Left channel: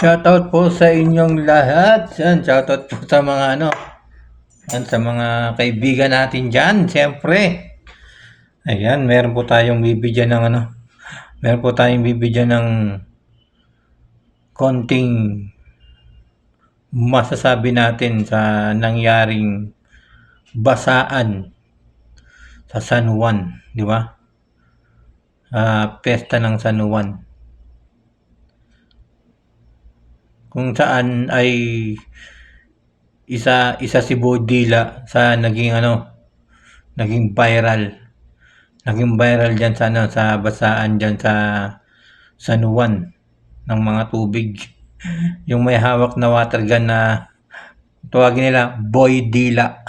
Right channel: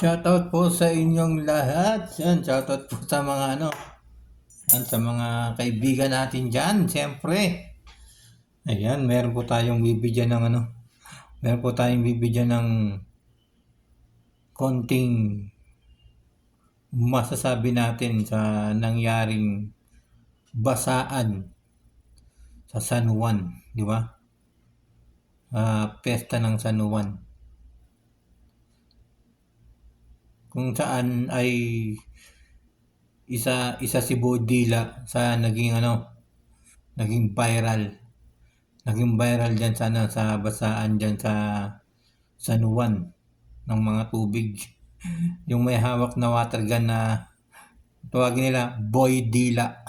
Shoutout po sa inyong lahat. Yan, shoutout po sa mga yan, sa mga kaibigan natin dyan, siyempre. Ayan, meron po tayong bibigyan ng meron po tayong bibigyan ng konting masasabi natin sa nangyaring basaan sa San Juan, di ba? Pesta ng San Juan. Kung saan ay isa si Bodila sa naging viral. Naging viral diyan sa sa basaan diyan sa San Juan ng mga tubig. Yung may hawak na water gun na tawagin nila Boy Dila.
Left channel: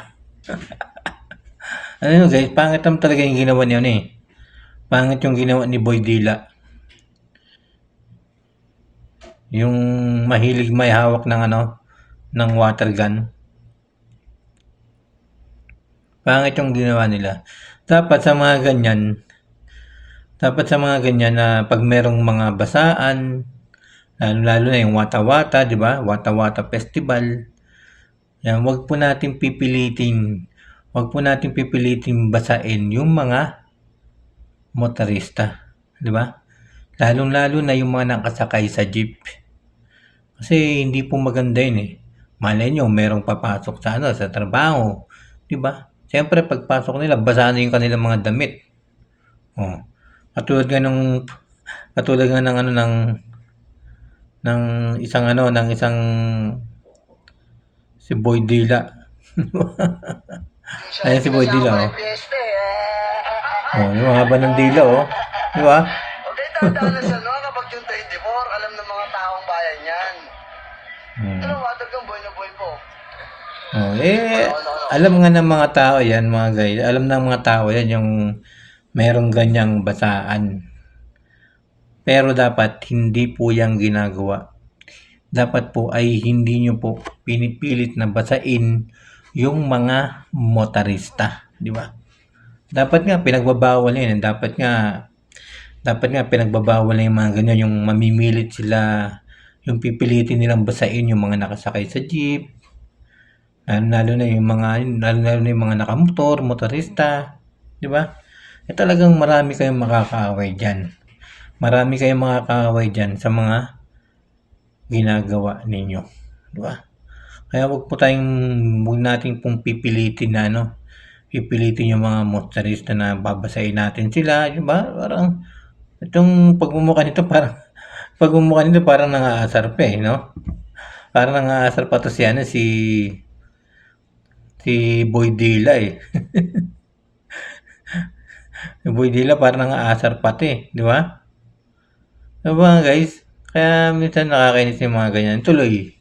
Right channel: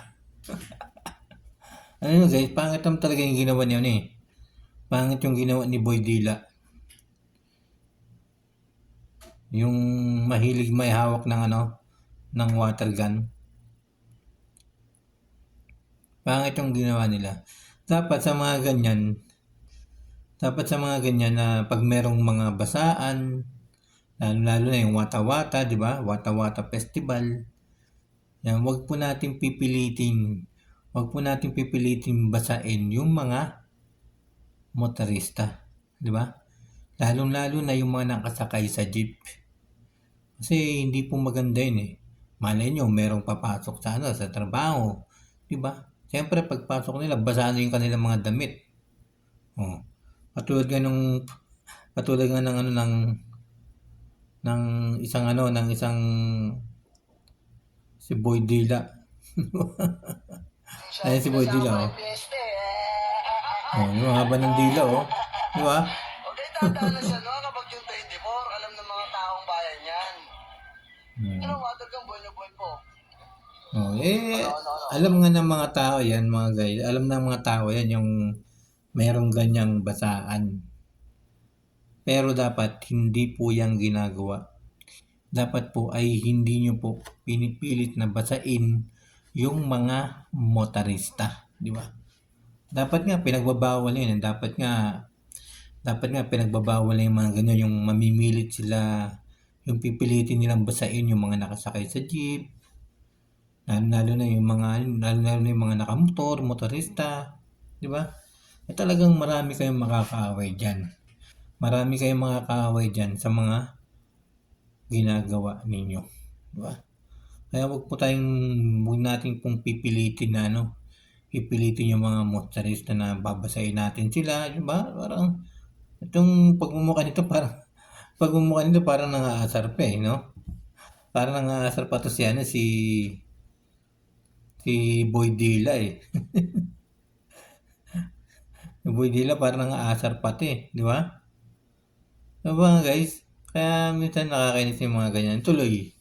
Ano yun guys, pangit naman talaga yung ginawa niya Pangit yung ginawa ni Boy Dila. Yung mahilig may hawak ng ng water gun. Pangit yung ginawa nila. Dapat sa mga ganyan na pag merong mga basaan, lalo na yung Wata-Wata, di ba? Wata-Wata Festival. Yan, wag po natin pipilitin basain yung mga motorista, di ba? Lalong-lalo na yung mga nakasakay sa jeep. Kasi hindi po maganda yun Malay nyo, merong papasok sa trabaho, di ba? Siyempre, pagpasok nila, basa na yung kanilang mga damit. Oh. Katulad nga ng isang si Boy Dila. Ayan si Boy Dila, yung haba ng dila, Di ba? Okay, tataon na sa kapag yung 24, alam ng mga taong bayan yan. Ano, water kang boy na boy po. Alam nga ng mga tao yan, mga guys. Alam ng mga tao yan yung merong ganyang basaan. Pero dapat hindi po yang ginagawa. Dapat po ay hindi nyo po pinipilit na basain yung mga motorista, di ba? Dapat nga pinagbabawal yan. Dapat nga pinagbabawal na yung mga ganyan, yung mamimilit sila, yung pipilitin nilang basain yung mga nakasakay sa jeep, lalo na yung mga nakamotor, motorista, di ba? Talagang marami kayong makakaaway diyan. Marami kayong makakaaway diyan sa mga ginagawa ninyo, di ba? Kaya wag nating pong pipilitin na pipilitin yung mga motorista na babasahin natin sila, di ba? Parang itong pagmumukha nito parang nangaasar pa no? Parang nangaasar pa to si Boy Dila Si Boy Dila parang nangaasar pati, di ba? Diba guys? Kaya minsan nakakainis yung mga ganyan. Tuloy.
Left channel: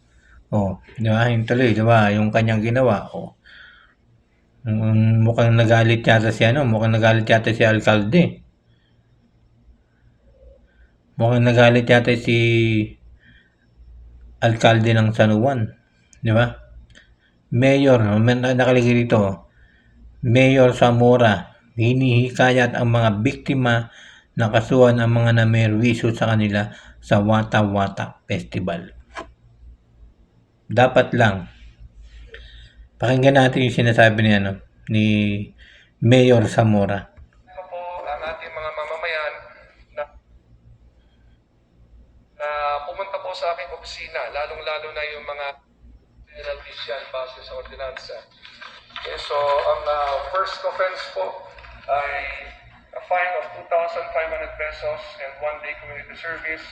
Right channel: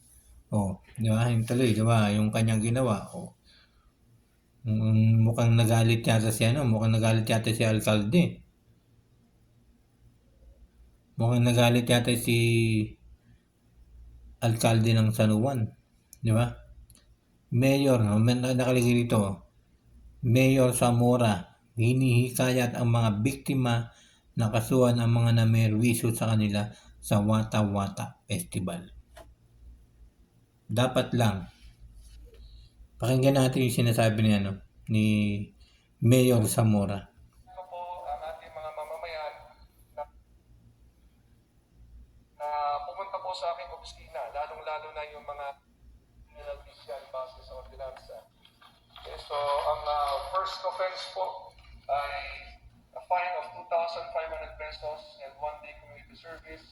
Di ba? Yung tuloy, di ba? Yung kanyang ginawa. Mukhang nagalit yata si alkalde. Mukhang nagalit yata si alkalde ng San Juan. Di ba? Mayor, nakalagay dito. Mayor Zamora, hinihikayat ang mga biktima na kasuhan ang mga namerwisyo sa kanila sa Wata-Wata Festival. Dapat lang. Pakinggan natin yung sinasabi ni Mayor Zamora. Ang ating mga mamamayan na pumunta po sa aking opisina, lalong-lalo na yung mga penalties yan base sa ordinansa. Okay, so ang first offense po ay a fine of 2,500 pesos and 1-day community service.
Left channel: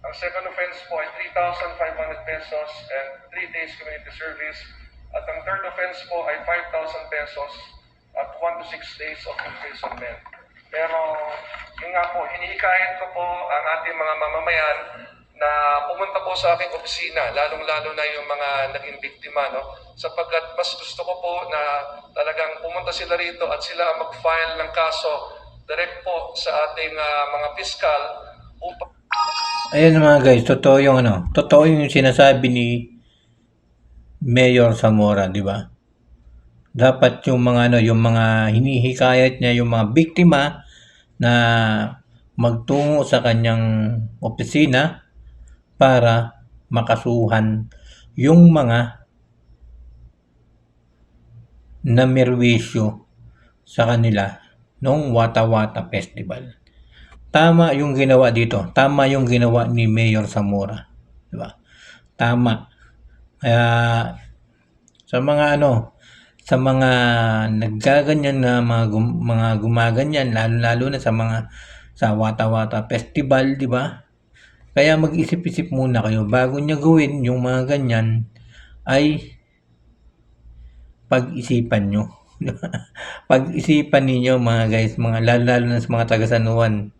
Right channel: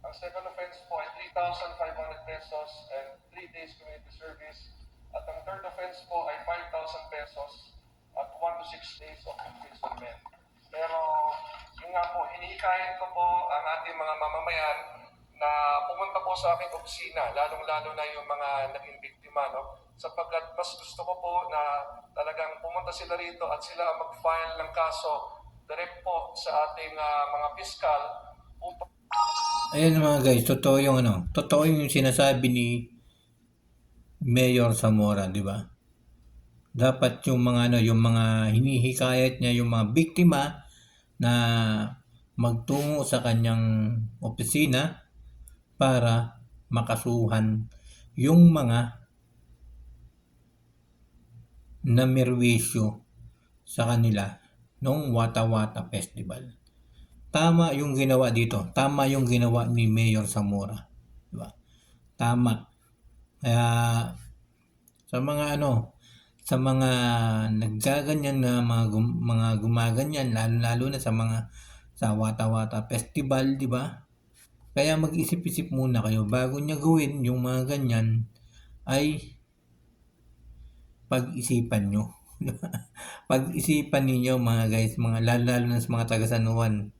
Ang second offense po ay 3,500 pesos and 3 days community service. At ang third offense po ay 5,000 pesos at 1 to 6 days of imprisonment. Pero yun nga po, hinihikayat ko po ang ating mga mamamayan na pumunta po sa aking opisina, lalong-lalo na yung mga naging biktima, sapagkat mas gusto ko po na talagang pumunta sila rito at sila mag-file ng kaso direct po sa ating mga piskal. Ayan mga guys, totoo yung sinasabi ni Mayor Zamora, di ba? Dapat yung mga hinihikayat niya, yung mga biktima na magtungo sa kanyang opisina para makasuhan yung mga namerwisyo sa kanila nung Wata Wata Festival. Tama yung ginawa dito. Tama yung ginawa ni Mayor Zamora. Diba? Tama. Kaya sa mga sa mga naggaganyan na mga gumaganyan, lalo na sa Wata Wata Festival, di ba? Kaya mag-isip-isip muna kayo bago niya gawin yung mga ganyan, ay pag-isipan nyo. Pag-isipan ninyo mga guys, lalo na sa mga taga-Sanuan.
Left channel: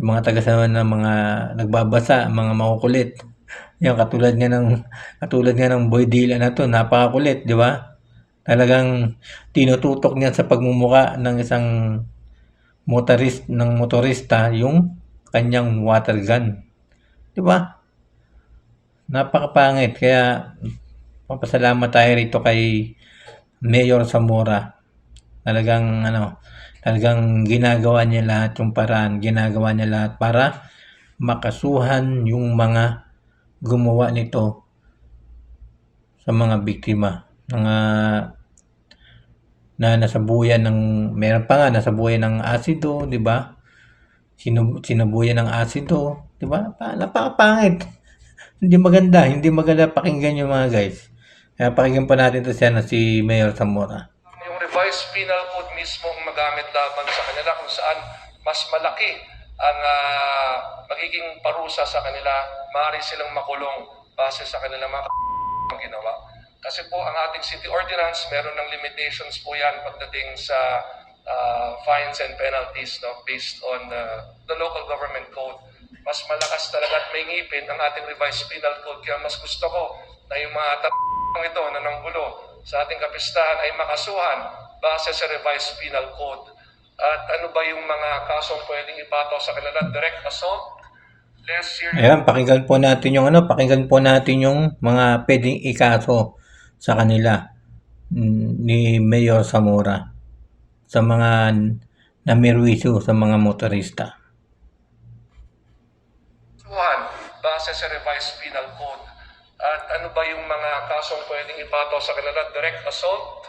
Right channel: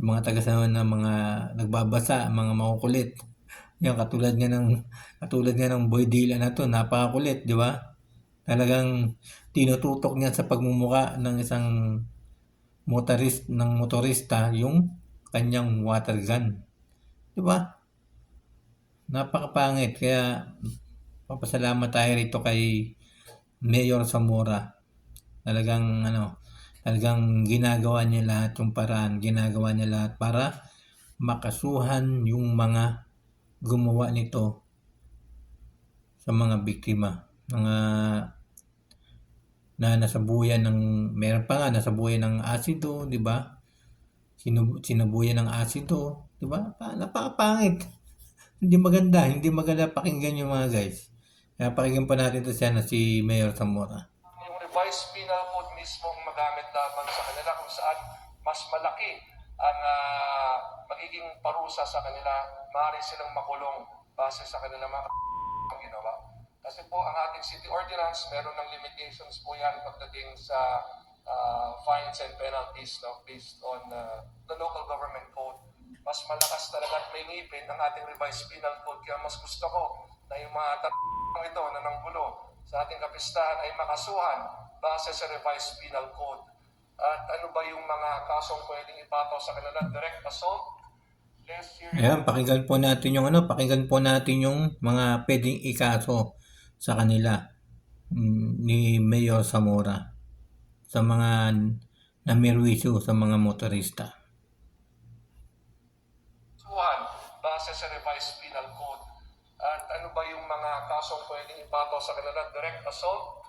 Yung mga taga-Sanuan na mga nagbabasa, mga makukulit. Yan, katulad nga ng Boy Dila na to, napakakulit, di ba? Talagang tinututok niya sa pagmumuka ng isang motorista yung kanyang water gun. Di ba? Napakapangit. Kaya papasalamat tayo rito kay Mayor Zamora. Talagang ginagawa niya lahat yung paraan, ginagawa niya lahat para makasuhan yung mga gumawa nito sa mga biktima na nasabuyan meron pa nga nasabuyan ng asido, di ba? Sinabuyan ng asido, di ba? Napakapangit. Hindi maganda pakinggan yung mga guys. Kaya pakinggan pa natin to si Mayor Zamora. Yung revised penal code mismo ang magamit laban sa kanila kung saan mas malaki ang magiging parusa sa kanila, maaari silang makulong base sa kanilang mga ginawa. Kasi po ang ating city ordinance, meron ng limitations po yan pagdating sa fines and penalties based on the local government code. Mas malakas talaga at may ngipin ang ating revised penal code. Kaya mas gusto ko na yung mga ito na nanggulo sa ating kapistahan ay makasuhan base sa revised penal code. At ano ba yung mga kasong pwedeng ipato sa kanila? Direct assault, less serious. Ayan, pakinggan po natin yung mga pwedeng ikaso sa kanila ni Mayor Zamora sa mga namerwisyo sa mga motorista. Base sa revised penal code. At ano ba yung mga kasong pwedeng ipato sa kanila? Direct assault,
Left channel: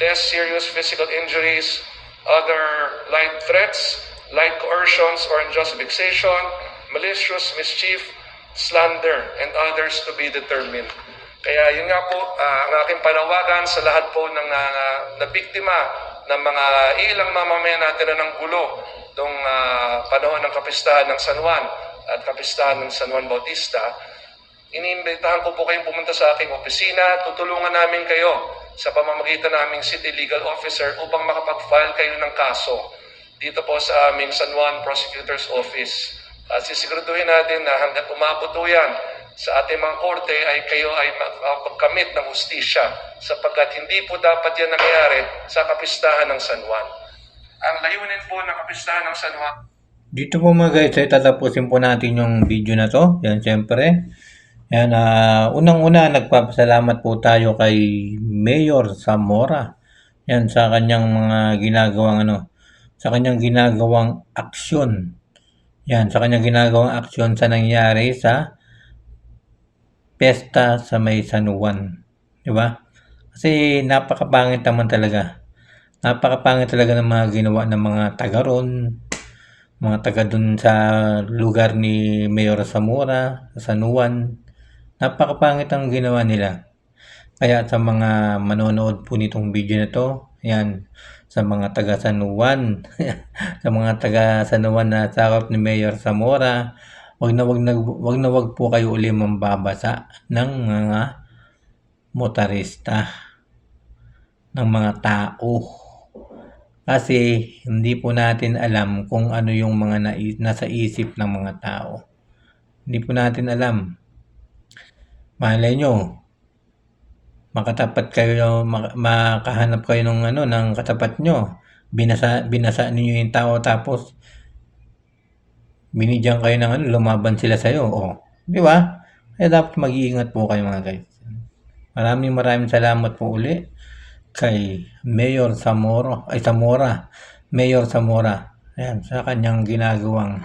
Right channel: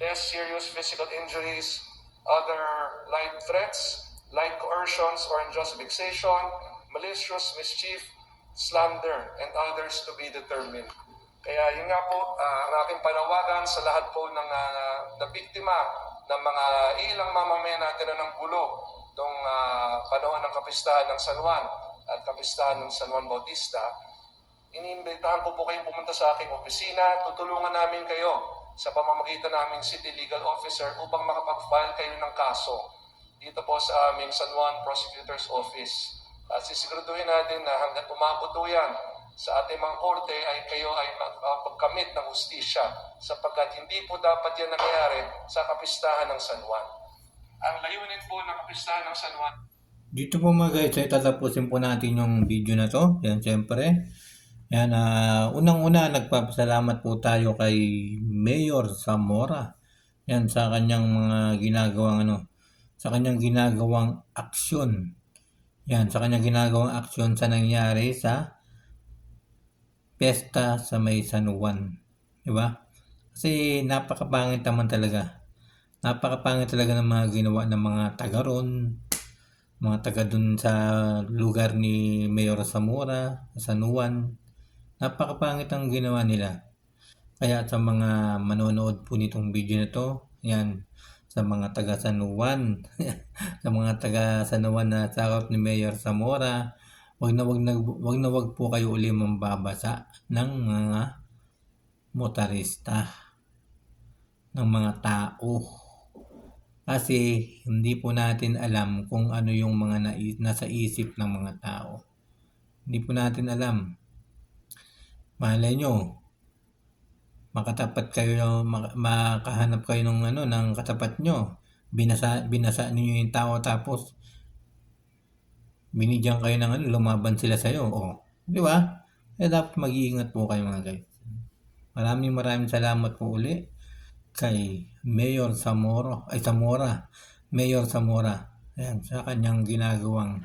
less serious physical injuries, other light threats, light coercions or unjust vexation, malicious mischief, slander, and others to be determined. Kaya yun nga po, ang aking panawagan sa lahat po ng nabiktima ng mga ilang mamamayan natin na ng gulo noong panahon ng kapistahan ng San Juan at kapistahan ng San Juan Bautista, iniimbitahan ko po kayong pumunta sa aking opisina. Tutulungan namin kayo sa pamamagitan naming City Legal Officer upang makapag-file kayo ng kaso dito po sa aming San Juan Prosecutor's Office. At sisiguraduhin natin na hanggat umabot po yan sa ating mga korte ay kayo ay makapagkamit ng hustisya sapagkat hindi po dapat yan nangyari sa kapistahan ng San Juan. Ang layunin po ng kapistahan ng San Juan. Dito po mga guys, ay tatapusin po natin yung video na to. Yan, syempre. Yan, unang-una, nagpapasalamat po tayo kay Mayor Zamora. Yan, sa kanyang mga ginagawang aksyon. Yan, sa kanyang ginagawang aksyon sa nangyari sa pesta sa may San Juan. Diba? Kasi napakapangit naman talaga. Napakapangit talaga ng mga ginawa ng mga taga ron, mga taga dun sa lugar ni Mayor Zamora, sa San Juan. Napakapangit ang ginawa nila. Kaya sa mga manonood po nitong video na to, yan, sa mga taga San Juan, sa mga taga San Juan na sakop ni Mayor Zamora, wag na wag po kayo uli mambabasa ng mga motorista, ng mga tao. Kasi hindi po natin alam kung ano yung mga nasa isip ng mga tao. Hindi po natin alam. Malay nyo, makahanap kayo ng katapat nyo. Binasa ninyo yung tao tapos binigyan kayo ng lumaban sila sa'yo. Di ba? Kaya dapat mag-iingat po kayo mga guys. Maraming salamat po uli kay Mayor Zamora. Mayor Zamora. Ayan, sa kanyang ginagawang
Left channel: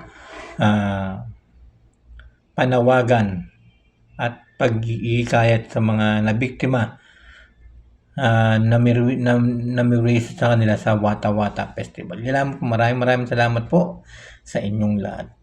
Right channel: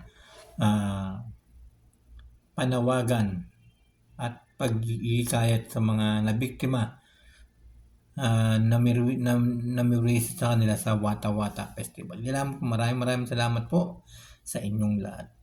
panawagan at pag-ihikayat sa mga nabiktima na sa kanila sa Wata Wata Festival. Maraming salamat po sa inyong lahat.